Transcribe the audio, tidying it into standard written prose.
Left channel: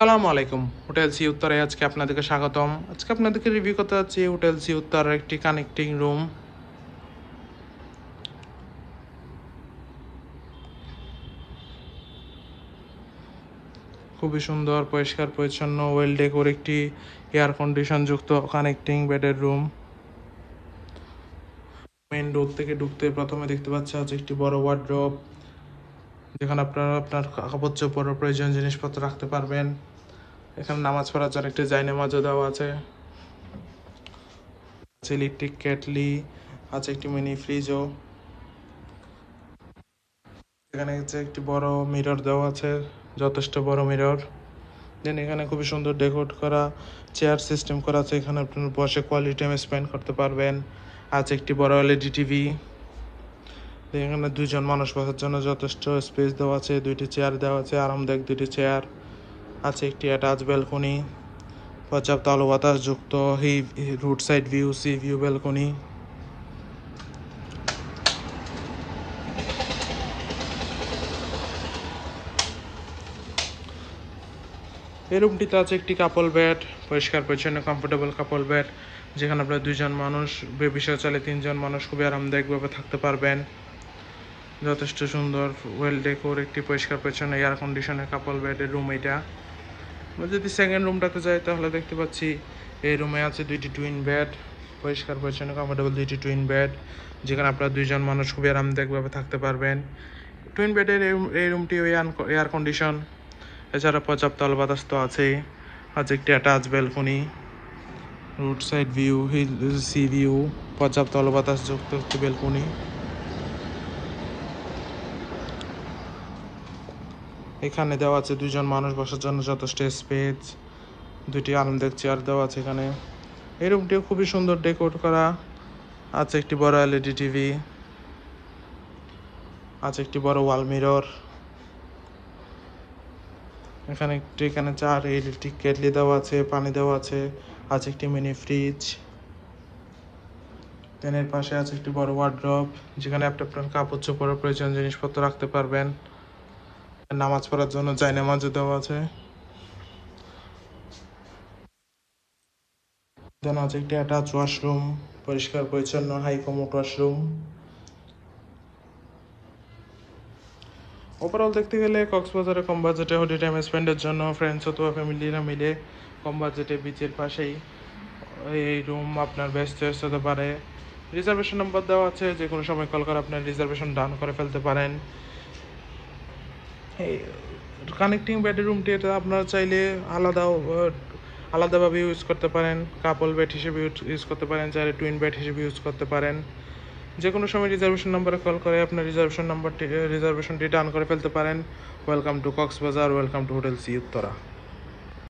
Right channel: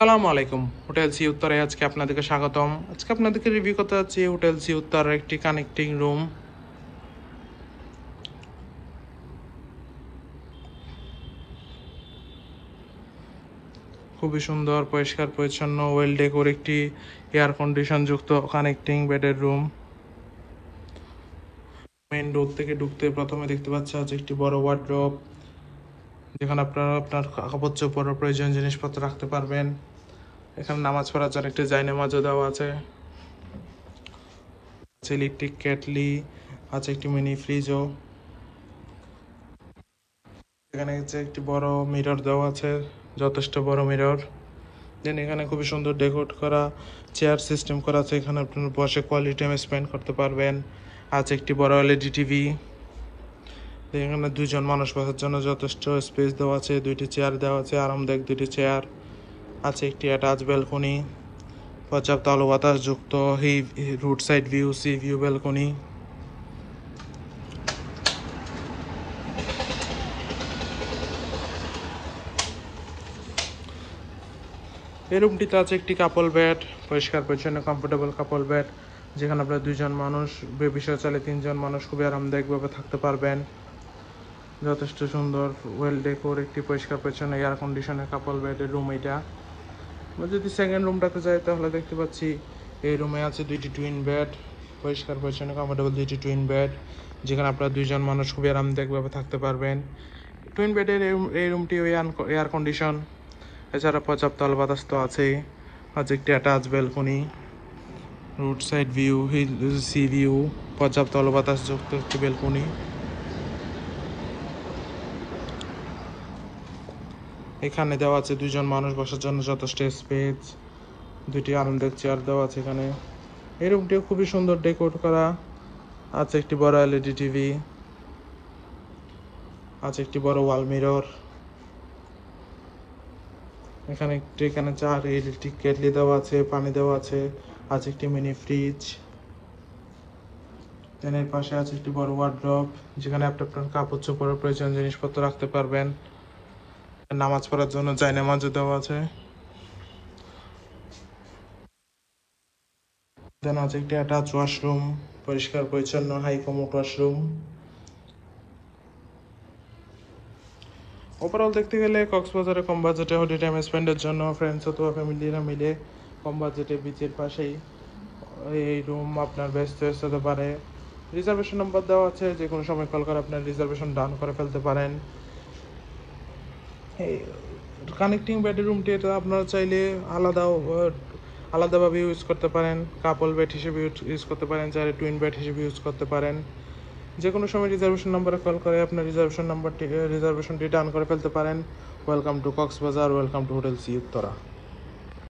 আসসালামু আলাইকুম। Hotel sea উত্তরে আজকে আপনাদেরকে স্বাগতম। আজকে আপনাদেরকে রিভিউ করতে যাচ্ছি হোটেল সি উত্তরের একটি কানেক্টিং রুম। খুবই সুন্দর, পরিষ্কার পরিচ্ছন্ন, ওয়েল ডেকোর একটি এয়ার কন্ডিশন যুক্ত কানেক্টিং বেডের রুম। মেইন ডোর থেকে ঢুকতে প্রথমে দেখতে পাচ্ছেন হচ্ছে একটি বড় ওয়ার্ডরোব, যেখানে আপনারা আপনার কাপড় চোপড় প্রয়োজন জিনিসপত্র রাখতে পারবেন। এখানে নামাজ পড়ার জন্য একটি জায়নামাজও দেওয়া আছে। ইলেকট্রিক কেটলি আছে, একটি মিনি ফ্রিজও। এখানে হচ্ছে একটি বড় মিরর দেওয়া আছে, যথেষ্ট বড় মিরর। দেন এখানে খুবই সুন্দর ডেকোরেট করা চেয়ার সিস্টেম করা আছে, এখানে আপনার বসে কোয়ালিটি টাইম স্পেন্ড করতে পারবেন। আছে একটি বড় এলইডি টিভি। এখানে দুইজন মানুষ বসার জন্য যথেষ্ট স্পেস দেওয়া আছে, দুইটি চেয়ার দেওয়া আছে, আরামদায়ক দুইটি চেয়ার। আছে একটি অ্যাটাচ ব্যালকনি, পর্যাপ্ত আলো বাতাস যুক্ত route side view, sea view balcony. এই রুমটিতে আছে একটি কাপল বেড, পরিষ্কার পরিচ্ছন্ন কমফোর্টেবল কাপল বেড, যেখানে আপনার দুইজন মানুষ, বিষয় চলে তিনজন মানুষ খুবই আরামদায়কভাবে থাকতে পারবেন। যথেষ্ট সুন্দর ওয়েল ডেকোর একটি পরিষ্কার পরিচ্ছন্ন এয়ার কন্ডিশনের কাপল বেডের রুম এটা। আমরা যদি সেকেন্ড রুমটাতে যাই তাহলে দেখতে পাচ্ছি এই রুমে আছে দুইটি টুইন বেড, পরিষ্কার পরিচ্ছন্ন কমফোর্টেবল দুইটি টুইন বেড, যেখানে আপনার দুইজন মানুষ খুবই আরামদায়কভাবে থাকতে পারবেন। টুইন বেডের এই রুমটি এয়ার কন্ডিশন, এছাড়া পর্যাপ্ত আলো বাতাস তো আছেই। আছে একটি attach balcony, road side view, sea view, পর্যাপ্ত আলো বাতাস যুক্ত একটি ব্যালকনি। এখানে দেওয়া আছে দুইজন মানুষ বসার জন্য যথেষ্ট স্পেস, দুইটি আরামদায়ক চেয়ার দেওয়া আছে এখানে। এই রুমটিও খুবই সুন্দর ডেকোর করা। আছে একটি বড় এলইডি টিভি, আছে একটি বড় ওয়াল মিরর। এখানে চার ইলেকট্রিক কেটলি দেওয়া আছে, পানি দেওয়া আছে। আছে একটি মিনি ফ্রিজ। এর পাশে আছে একটি বড় ওয়ার্ডরোব, যেখানে আপনি আপনার কাপড় চোপড় প্রয়োজন জিনিসপত্র রাখতে পারবেন। নামাজ পড়ার জন্য জায়নামাজও দেওয়া আছে। দেন আছে একটি অ্যাটাচ ওয়াশরুম, পরিষ্কার পরিচ্ছন্ন হাই কমোড ওয়াশরুম। ওভারঅল দেখতে গেলে কক্সবাজারে কম বাজেটে হোটেল টাইম স্পেন্ডের জন্য ফ্রেন্ডস অথবা ফ্যামিলিরা মিলে কম বাজেটে বিচের পাশেই এই রুম আপনার বেস্ট চয়েস হতে পারে। রিজার্ভেশন নাম্বার দেওয়া আছে, যে কোনো সময় কল করে আপনার রিজার্ভেশন ডান করে ফেলতে পারেন। এই কানেক্টিং বেডের রুমটি এটা আপনারা চাইলে আলাদাভাবে ইউজ করতে পারেন, কাপল বেড হিসেবে ইউজ করতে পারেন, চাইলে টুইন বেড হিসেবে ইউজ করতে পারেন। যে কোনো সময় রিজার্ভেশন নাম্বারে কল করে আপনার রিজার্ভেশনটি ডান করে ফেলতে পারেন। Welcome to Cox's Bazar, welcome to hotel sea Uttara.